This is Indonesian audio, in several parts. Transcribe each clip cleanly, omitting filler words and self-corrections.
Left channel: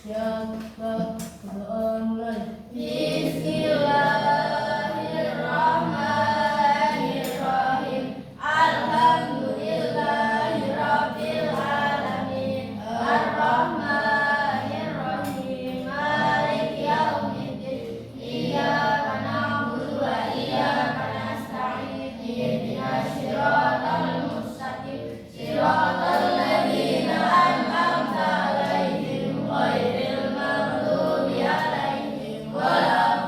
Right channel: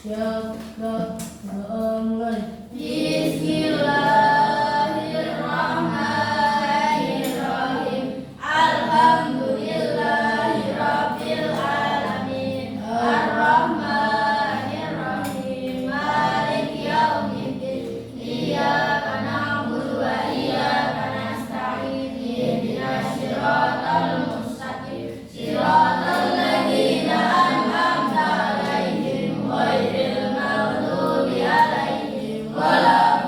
Ya, mulai. Bismillahirrahmanirrahim. Alhamdulillahirabbil alamin. Arrahmanirrahim. Maliki yaumiddin. Iyyaka na'budu wa iyyaka nasta'in. Ihdinas siratal mustaqim. Siratal ladzina an'amta 'alaihim ghairil maghdubi 'alaihim waladdallin.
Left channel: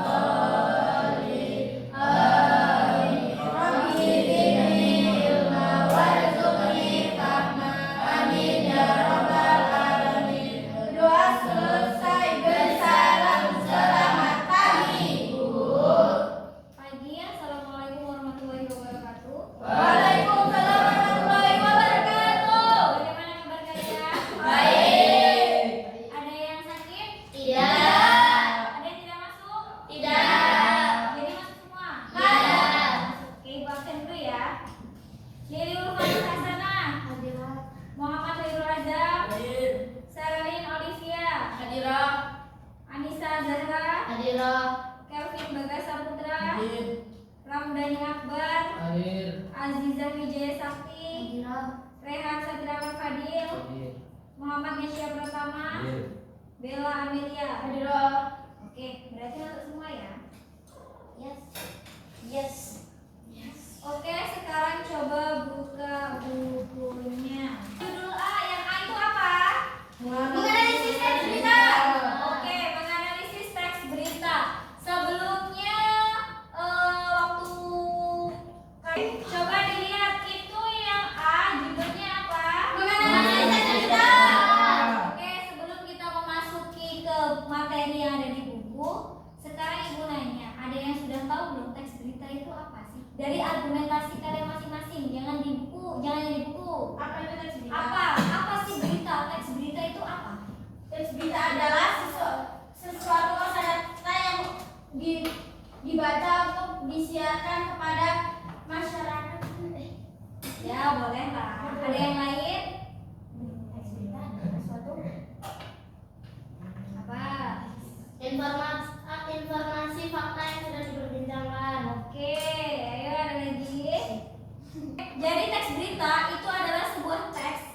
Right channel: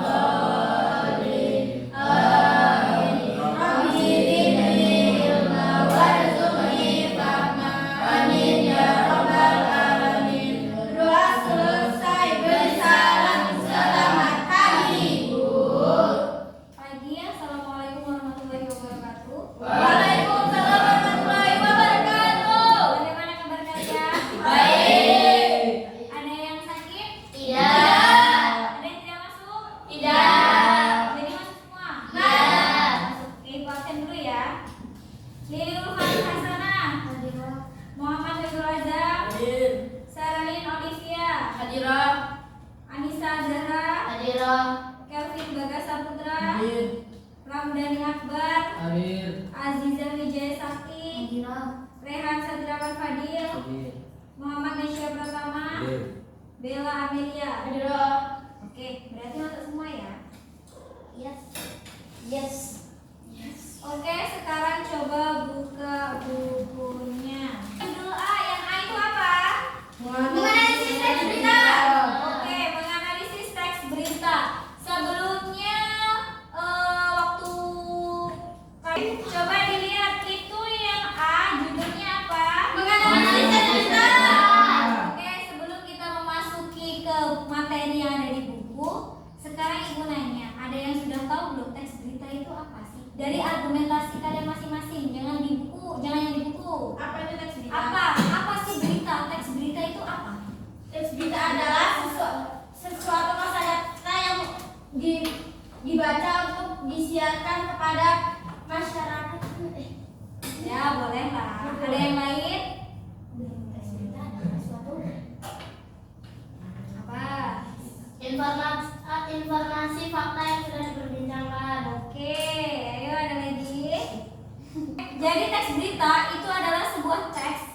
Amin. Rabbi zidni ilma warzuqni fahma. Amin ya rabbal alamin. Doa selesai, bersalam, selamat pagi Ibu. Pagi, assalamualaikum warahmatullahi wabarakatuh. Waalaikumsalam warahmatullahi wabarakatuh. Bagaimana kabar kalian? Baik. Ada yang sakit? Tidak. Ada yang tidak masuk? Tidak. Jadi masuk semua? Iya. Masuk. Oke, ibu absen dulu ya. Liliul Fadil Hasanah. Muhammad Khairul Azam. Saralin Olivia. Hadirah. Anissa Zahra. Hadirah. Kelvin Bagas Saputra. Hadir. Ramdhani Akbar. Hadir. Azizah Wijaya Sakti. Rehan Sadrawan Fadil. Hadir. Muhammad Nesya Pratama. Hadir. Bella Amelia. Hadirah. Oke, berarti masuk semua ya? Yes. Yes. Oke, sekarang coba buka bukunya. Judul A, yang A itu apa? Menganalisis teks berita. Oke, menganalisis teks berita. Sebelumnya coba dilihat itu yang A, judulnya apa? Menganalisis teks berita. Oke, sebelum kita memasuki ke materi yang ada di buku, sekarang ibu nanya, ada yang sudah tahu belum teks berita itu apa sih? Dari argumentasi kalian masing-masing, jangan di buku, jangan yang di buku. Apa itu teks berita? Apa sih berita? Teks berita itu apa? Teks berita adalah sesuatu kata yang dibaca untuk disiarkan kepada masyarakat. Ya, boleh lah. Ada yang lain? Teks berita adalah suatu Apa? informasi fakta yang sudah diperbincangkan. Oke, ayo ada lagi. Jadi teks berita itu adalah sebuah teks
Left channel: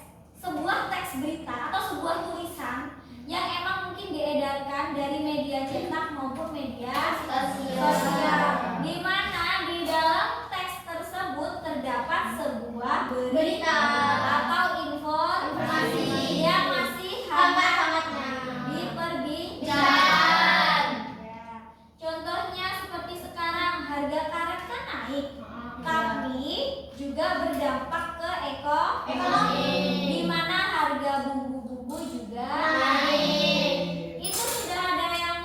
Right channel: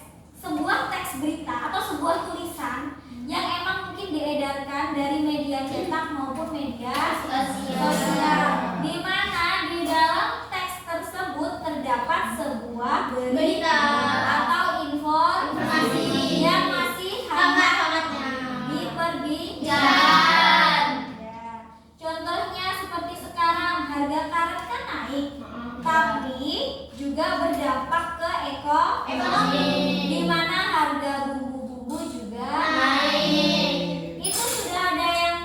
berita atau sebuah tulisan yang emang mungkin diedarkan dari media cetak maupun media sosial. Di mana di dalam teks tersebut terdapat sebuah berita atau informasi yang masih Hangat-hangatnya diperbincangkan. Ya. Contohnya seperti sekarang harga karet kan naik, tapi juga berdampak ke ekonomi, di mana harga bumbu-bumbu juga naik. Itu sudah ada yang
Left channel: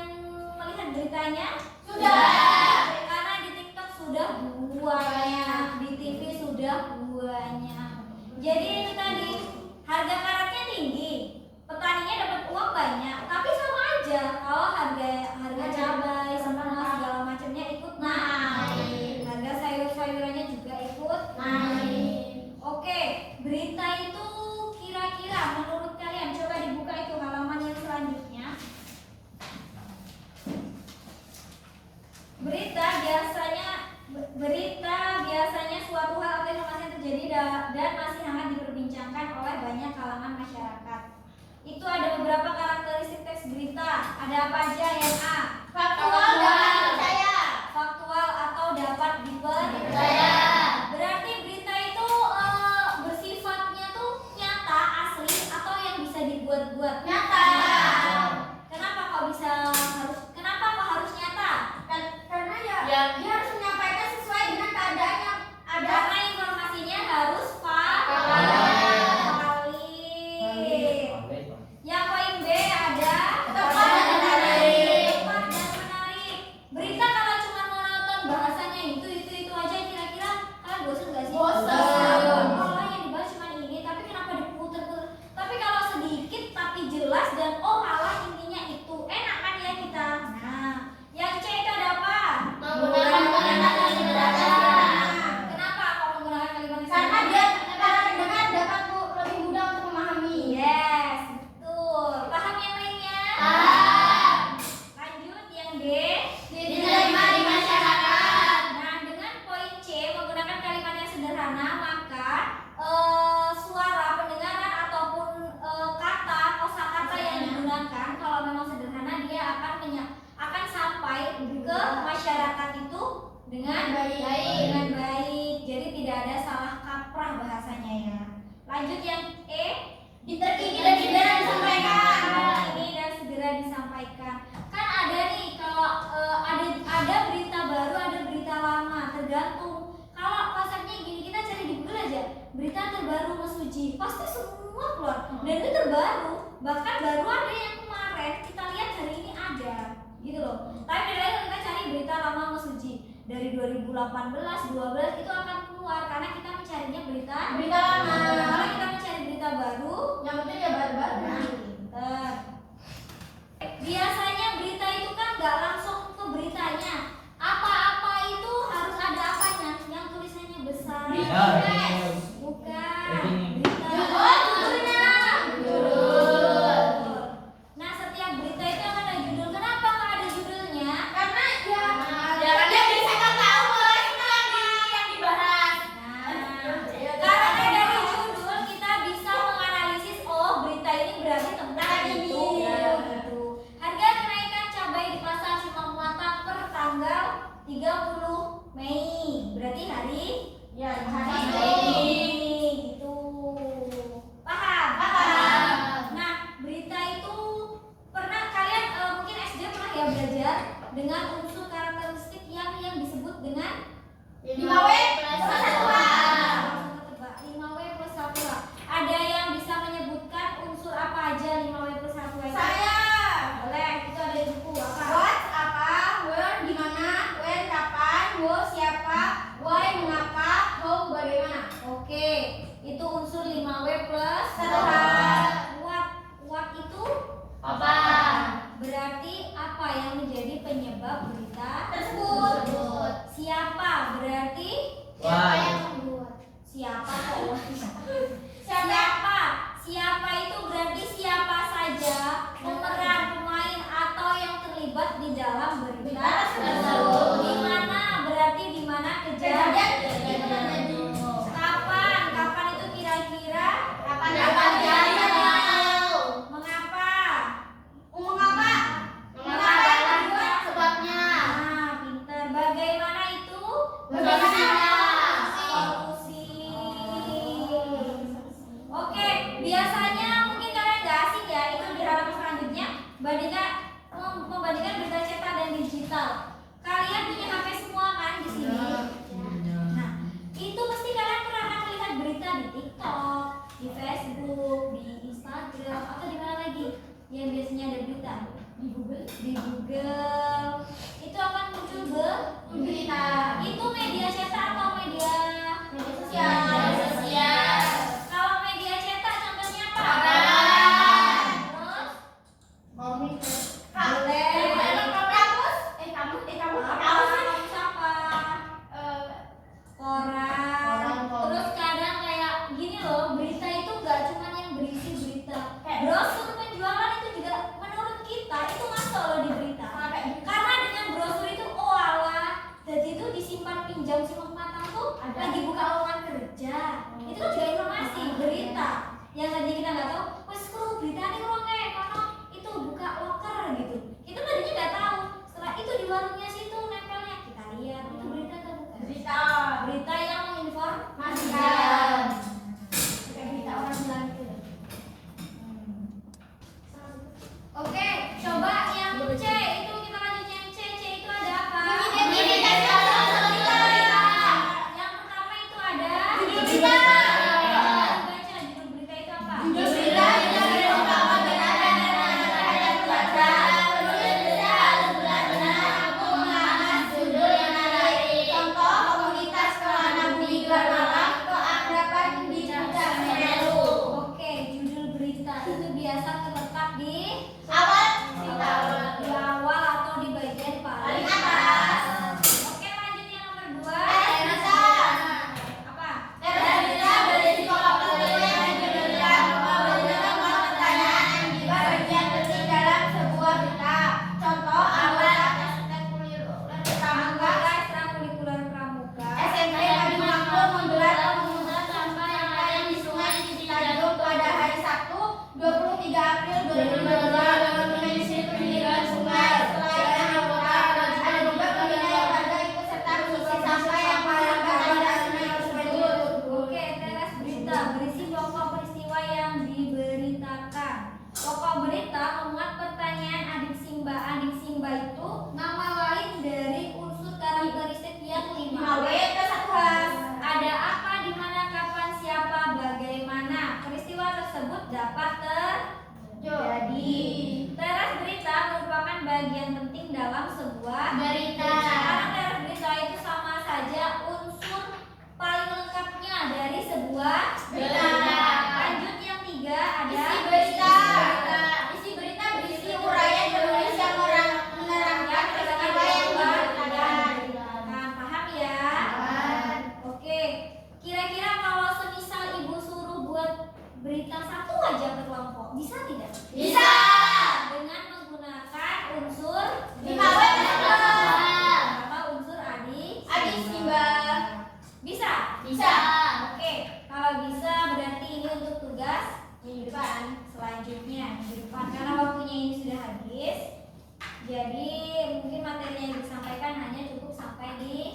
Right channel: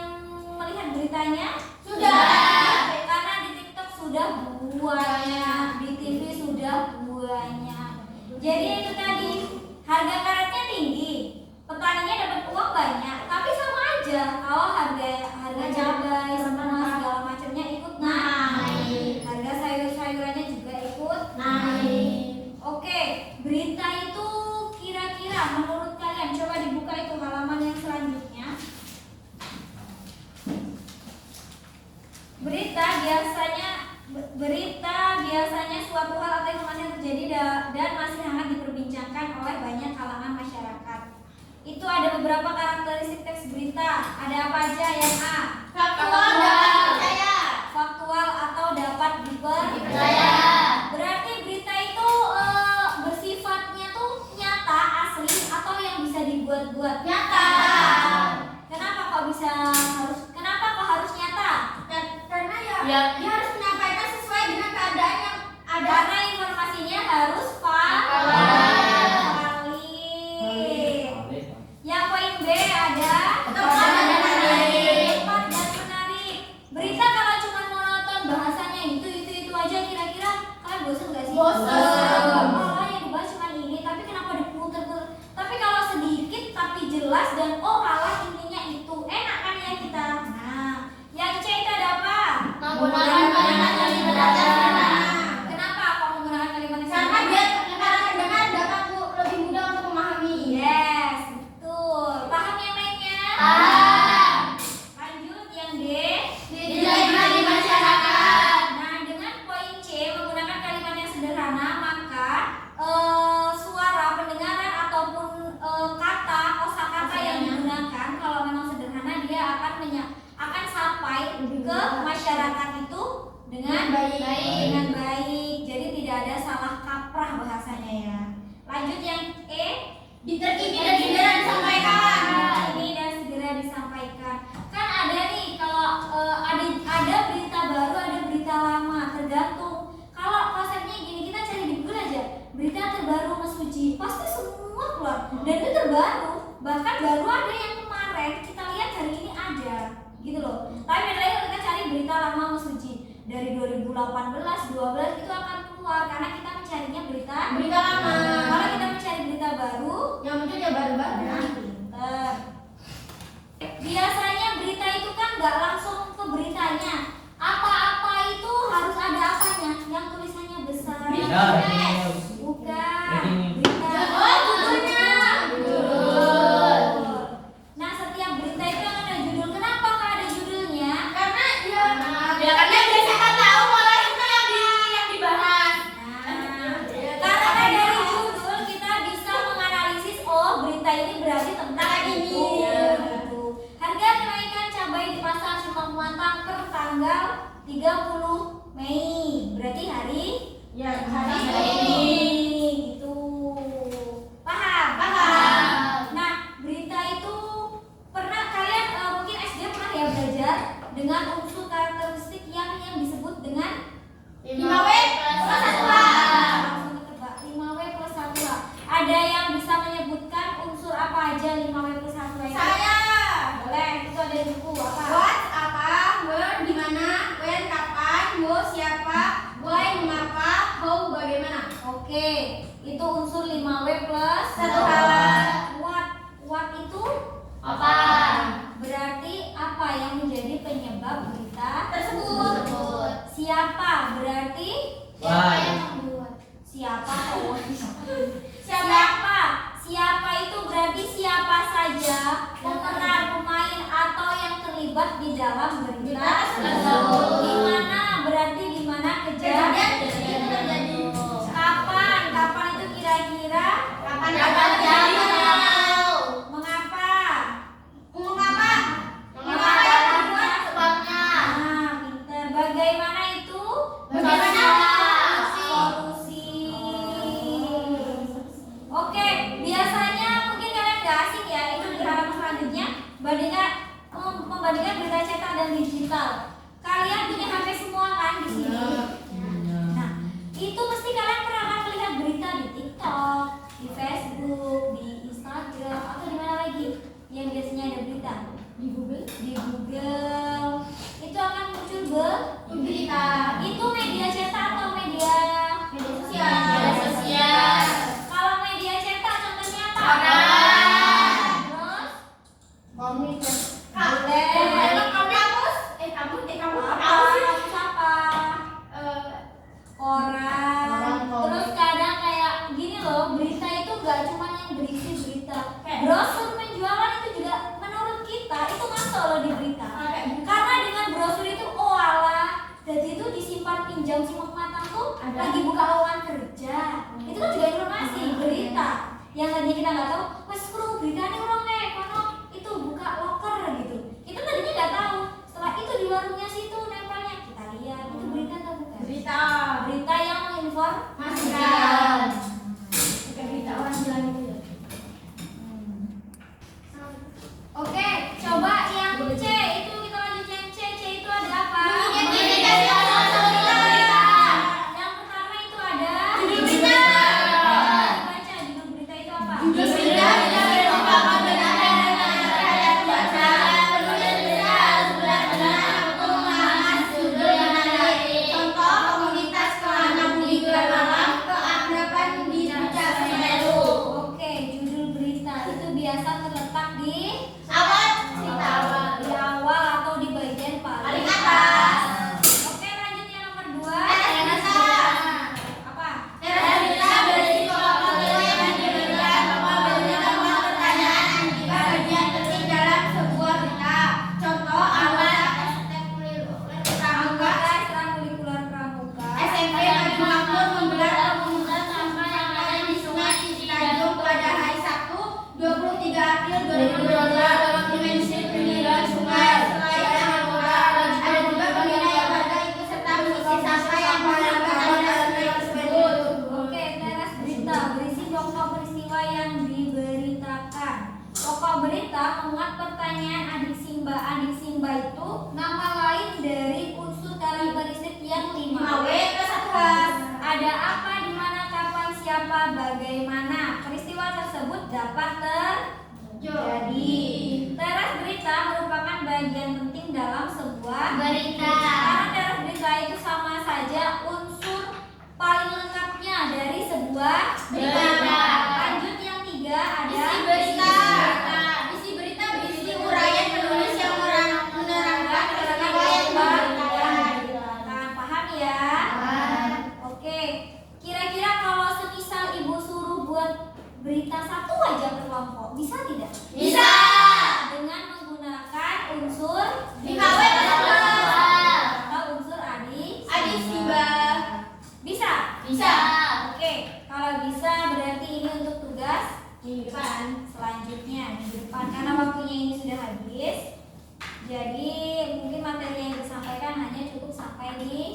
melihat beritanya? Sudah. Karena di TikTok sudah banyak, di TV sudah banyak. Jadi itu tadi, harga karetnya tinggi, petaninya dapat uang banyak, tapi sama aja kalau harga cabai semua segala macamnya ikut naik. Harga sayur-sayurannya juga ikut naik. Oke, berita itu kira-kira menurut kalian, coba dibuka itu halaman yang selanjutnya. Berita biasanya suatu hal atau informasi yang terjadi dan masih hangat diperbincangkan oleh banyak kalangan masyarakat. Itu ada beberapa karakteristik teks berita. Ada apa aja? Yang A, Faktual dapat dipercaya. faktual atau dapat dipercaya. Berarti berita itu bersifatnya tuh nyata, asli, atau yang bisa dibuat-buat? Nyata. Kenapa kok harus nyata? Karena ya dia harus menyampaikan sesuai dengan keadaan yang ada. Karena informasinya harus valid. Yang poin B ada Tepat dan menarik. tepat dan menarik. Berita kalau cuma monoton bahasanya itu aja, kira-kira kalian bosan nggak sih? Bosan. Oh, yang dibahas cuma ini, tapi kenapa diputer-puter? Tapi kalau sedikit tapi jelas dan intinya itu enak kan ya kita. Nah, yang C itu ada apa? Menggunakan dari 2018, 12 itu akan keluar karena kita mencarinya berita lama. Kalau kita mencari berita baru, Yang penting ya baru-baru. pinter. Biasanya berita itu kan nggak langsung ke beritanya. Apa-apa itu harus ada apanya? Yang tulisannya besar. Berita, breaking news. Bukan. Breaking news. Berita. Judulnya. Judul. Nah, setiap berita itu akan ada judul. Kenapa nggak ada judulnya? Karena ya kan dia biasa kan tahu mulai itu yang dibahas. Nah, karena dari judul kita bisa menganalisis, oh berita ini berarti tentang ini. itu. Gitu. Harga kenaikan cabai di pasar Simpang Muantang per tanggal 30 Mei. Berarti hari Ya, ini. Gitu. Paham? Nah, berita itu pernah kalian mungkin SD pernah ya belajar dengan unsur karakteristik yang disebut dengan 5W plus 1A. Langsung ketebak 5W plus 1A. Ada yang bisa menyebutkan unsur apa aja 5W plus 1A? Saya. Boleh, itu ada di buku apa? What apa, where di mana, when kapan, who siapa, why mengapa, how bagaimana. Oke, itu unsur 5W plus 1A. What itu Apa? berarti apa yang menjadi penyebab berita Tersebut. Siapa berarti Why? siapa? Siapa? Siapa itu berarti siapa saja pemeran, pemain atau yang terlibat di dalam berita tersebut. Di mana berarti di mana kejadian. Kapan itu kira-kira Kapan terjadi? mengapa? Mengapa dibuat sebabnya? Nah, pinter. Bagaimana itu? Bagaimana? Solusi. Oke, biasanya mungkin kalian gak asing ya, itu di halaman selanjutnya membandingkan berita cetak dan digital. Kalian punya HP semua kan di sini? Nah, itu pasti kalian pernah kan melihat berita di TikTok, di Facebook, di Instagram, atau di mana lagi yang biasanya ada berita? Di Google. Di Google. Itu akan muncul Berita. itu media cetak atau media Sosial. Kalau media cetak contohnya apa? Koran. Terus Komik. boleh. Kamus. Kamus apa? Koran. Koran. Terus kadang kayak gini loh, berita itu gak cuma yang berisi berita. Brosur penjualan itu juga menurut kita itu masuk loh di berita. Karena dengan brosur itu oh alah, jadi itu disimpan pinjam simak matang tuh lagi buka lowongan kerja. Itu kan juga informasi berita yang tadinya kita nggak tahu. Wes perlu berita nih orang kayak kono itu buka loker gitu. Itu tadinya nggak tahu. Setelah itu di warungnya situ nempelnya kita lihat itu berita atau bukan? Berita yang menginformasikan. Berita orang jalan itu ya. Oke, coba yang C itu kita lanjut yang C. C itu ada apa? Ini kasih berita. Yang pertama itu ada Judul berita. Baca judul berita itu apa? Judul berita merupakan benar dan baca penulis berita sebelah benar mampu mengarang judul yang menarik. Contoh komunitas anak hiburan malam keakraban di Puncak Semeru. Oke, judul berita itu biasa terletak di Awal di awal atau di bagian paling paling atas. Oke, lanjut yang nomor 2. Berita. Apa? Berita berisi pokok-pokok yang menyebutkan beberapa pertanyaan yang menjadi bagian penting dalam sebuah berita. Contoh anggota Ekstrakurikuler pramuka. SMP Madu Makmur menggelar pemungutan sampah yang lain di Sungai Citanjung pada hari Sabtu 23 April 2022 Dimensi Penilaian Sungai. Selain anggota, ada juga pembina yang warga ikut serta mengisi sampah yang melanggar aliran sungai tersebut. Oke, teras berita berisi pokok peristiwa yang diberitakan. Pokok berita memuat pertanyaan adik Simba. Adik Simba itu nama lain dari unsur karakteristik yang 5W plus 1H. Ada apa, di mana, kapan, siapa, bagaimana. Peristiwa tersebut dapat terjadi. Teras berita merupakan bagian penting dalam sebuah Berita. karena teras berita itu sebuah berita. Lanjut yang 3 ada Isi berita. Isi berita berisi uraian penulis yang menerangkan peristiwa yang diberitakan. Paham ya? Oke. Kira-kira kalau semisal ibu suruh buat berita satu aja per kelompok, bisa tidak? Bisa. Dengan menggunakan unsur BKW atau unsur adisi, Mbak. Bisa? Bisa. Oke, kalau bisa berarti ini untuk tugas Minggu depan. selanjutnya minggu depan karena waktunya ini sudah habis. Jadi mungkin materi yang disampaikan hanya cukup sampai di